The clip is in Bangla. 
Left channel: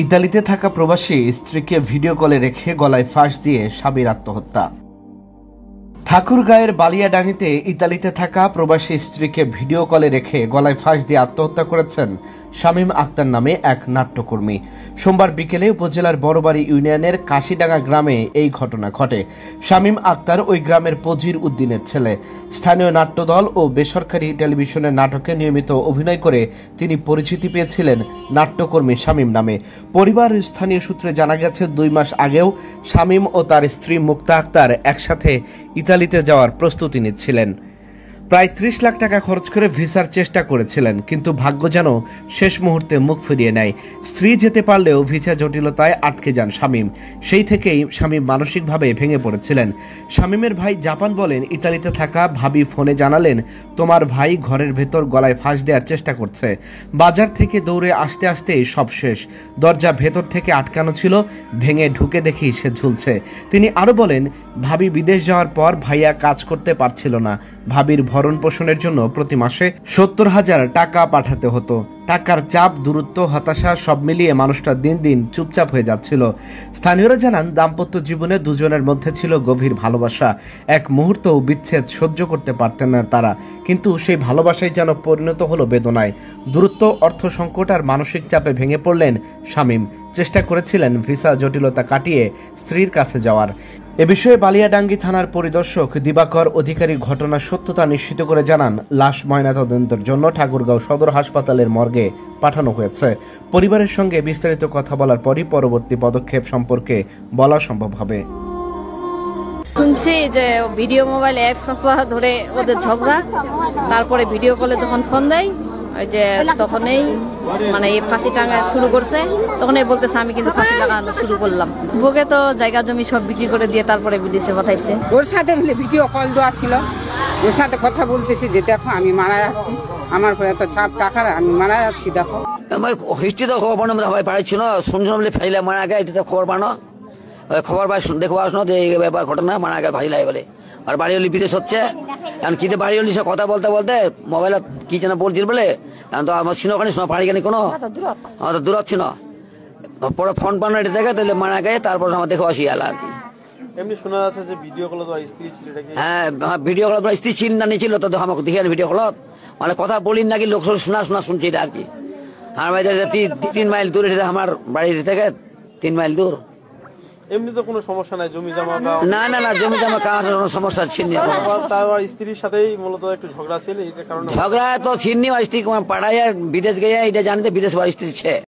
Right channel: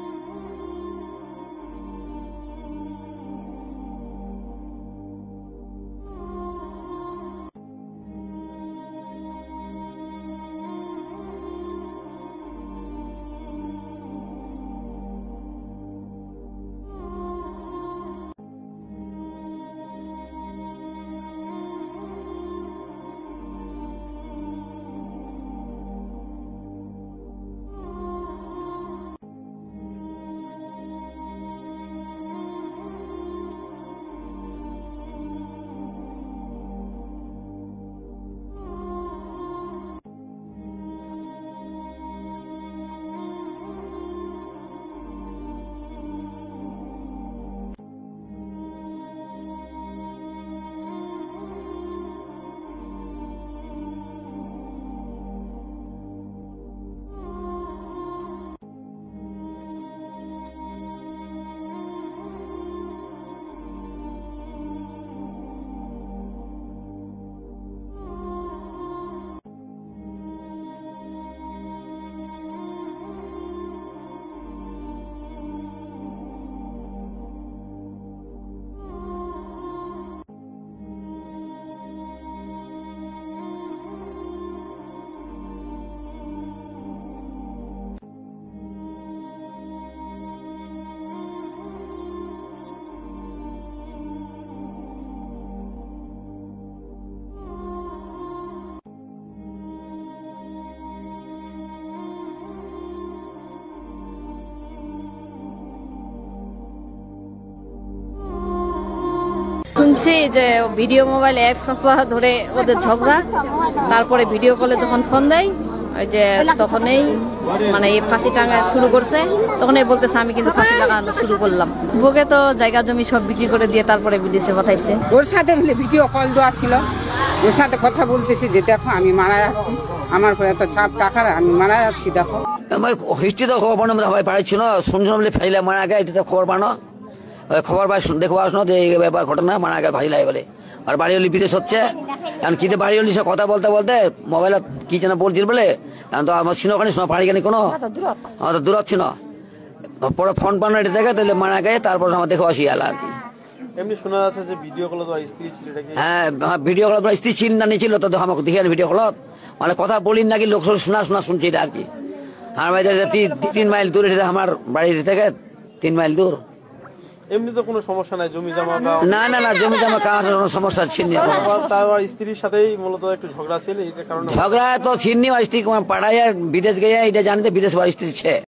ইতালিতে থাকা প্রবাসী স্ত্রীকে ভিডিও কলে রেখে গলায় ফাঁস দিয়ে স্বামীর আত্মহত্যা। ঠাকুরগাঁয়ের বালিয়াডাঙ্গিতে ইতালিতে থাকা প্রবাসী স্ত্রীকে ভিডিও কলে রেখে গলায় ফাঁস দিয়ে আত্মহত্যা করেছেন শামীম আক্তার নামে এক নাট্যকর্মী। সোমবার বিকেলে উপজেলার বড়বাড়ি ইউনিয়নের কাশিডাঙ্গা গ্রামে এই ঘটনা ঘটে। শামীম আক্তার ওই গ্রামের পজির উদ্দিনের ছেলে। স্থানীয় নাট্যদল ও বেসরকারি টেলিভিশনের নাটকে নিয়মিত অভিনয় করে তিনি পরিচিতি পেয়েছিলেন নাট্যকর্মী শামীম নামে। পরিবার স্থানীয় সূত্রে জানা গেছে 2 মাস আগেও শামীম ও তার স্ত্রী মুক্তা আক্তার একসাথে ইতালিতে যাওয়ার প্রস্তুতি নিচ্ছিলেন। প্রায় 30 লাখ টাকা খরচ করে ভিসার চেষ্টা করেছিলেন, কিন্তু ভাগ্য যেন শেষ মুহূর্তে মুখ ফিরিয়ে নেয়। স্ত্রী যেতে পারলেও ভিসা জটিলতায় আটকে যান শামীম। সেই থেকেই শামীম মানসিকভাবে ভেঙে পড়েছিলেন। শামীমের ভাই জাপান বলেন, ইতালিতে থাকা ভাবি ফোনে জানালেন, তোমার ভাই ঘরের ভেতর গলায় ফাঁস দেওয়ার চেষ্টা করছে। বাজার থেকে দৌড়ে আসতে আসতেই সব শেষ। দরজা ভেতর থেকে আটকানো ছিল, ভেঙে ঢুকে দেখি সে ঝুলছে। তিনি আরো বলেন, ভাবি বিদেশ যাওয়ার পর ভাইয়া কাজ করতে পারছিল না। ভাবির ভরণ পোষণের জন্য প্রতি মাসে 70,000 টাকা পাঠাতে হতো। টাকার চাপ, দূরত্ব, হতাশা সব মিলিয়ে মানুষটা দিন দিন চুপচাপ হয়ে যাচ্ছিল। স্থানীয়রা জানান, দাম্পত্য জীবনে দুজনের মধ্যে ছিল গভীর ভালোবাসা। এক মুহূর্তও বিচ্ছেদ সহ্য করতে পারতেন না তারা, কিন্তু সেই ভালোবাসাই যেন পরিণত হলো বেদনায়। দূরত্ব, অর্থ সংকট আর মানসিক চাপে ভেঙে পড়লেন শামীম। চেষ্টা করেছিলেন ভিসা জটিলতা কাটিয়ে স্ত্রীর কাছে যাওয়ার। এ বিষয়ে বালিয়াডাঙ্গি থানার পরিদর্শক দিবাকর অধিকারী ঘটনার সত্যতা নিশ্চিত করে জানান, লাশ ময়নাতদন্তের জন্য ঠাকুরগাঁও সদর হাসপাতালের মর্গে পাঠানো হয়েছে। পরিবারের সঙ্গে বিস্তারিত কথা বলার পরই পরবর্তী পদক্ষেপ সম্পর্কে বলা সম্ভব হবে। শুনছি যে ভিডিও মোবাইল 1 সপ্তাহ ধরে ওদের ঝগড়া, তারপরে ভিডিও কলে যখন ফোন দেয় ওই যে তখনই মানে এই ফাঁসি টাঙা শুরু করছে, তখনই বলতেছে আমি কিন্তু ফাঁসি লাগানো শুরু করলাম। বুকে তো জায়গা জমি সব বিক্রি করে দিয়ে তারপরে বিদেশে পাঠাইছে। ওর সাথে ভিডিও কল দেওয়া ছিল, ওর সাথে কথা বলতেছি যে দেখো আমি মারা যাচ্ছি, আমার পরে এত চাপ টাকার, আমি মারা যাচ্ছি দেখো। হিস্ট্রি তো খবর বানো সবাই পাড়াচ্ছিল, শুনছিলাম বলে ফাইলে মারা গে, এটা খবর বানো, খবর পাই দেখো আসনো যে এই ব্যাপার ঘটনা মারা গে ফাইলাই বলে। আর বাড়ি হলি বিদেশ হচ্ছে, এখন কিতে বাড়ি হলি সে কথা বলতে বলতে মোবাইল কি যেন বলছিল বলে, এখন তো আমার ছিল ওখানে শোনা পাড়ি কেন কোনো আমাদের দূর হচ্ছে না। পরে ফোন পান এটা দেখে তাহলে মারা গে, তারপর আমার দেখে আসি এলা আর কি। এমনি শোনা যাচ্ছে যে ভিডিও কল তো স্ত্রী ছিল। হ্যাঁ, ভিডিও কল স্ত্রী ছিল না নিয়েছিল তো আমাকে দেখে ভিডিও কল মানে কথা বলিন নাকি লোক শোনা শুনছি এটা আর কি। আমার বাড়ি 3 মাইল দূরে, আমার বাড়ির থেকে 3 মাইল দূর। এমনি তো কোনো সমস্যা নাই, জমি জমা না না না, জমি জমা কাজ সমস্যা ছিল না। তার স্ত্রীর সাথেই মূলত একটু ঝগড়া ছিল, এই কারণে ঝগড়া তো ছিল না। স্ত্রী পাড়ায় বিদেশ গিয়ে এটা জানিতে বিদেশ বাড়ি স্ত্রী ছে।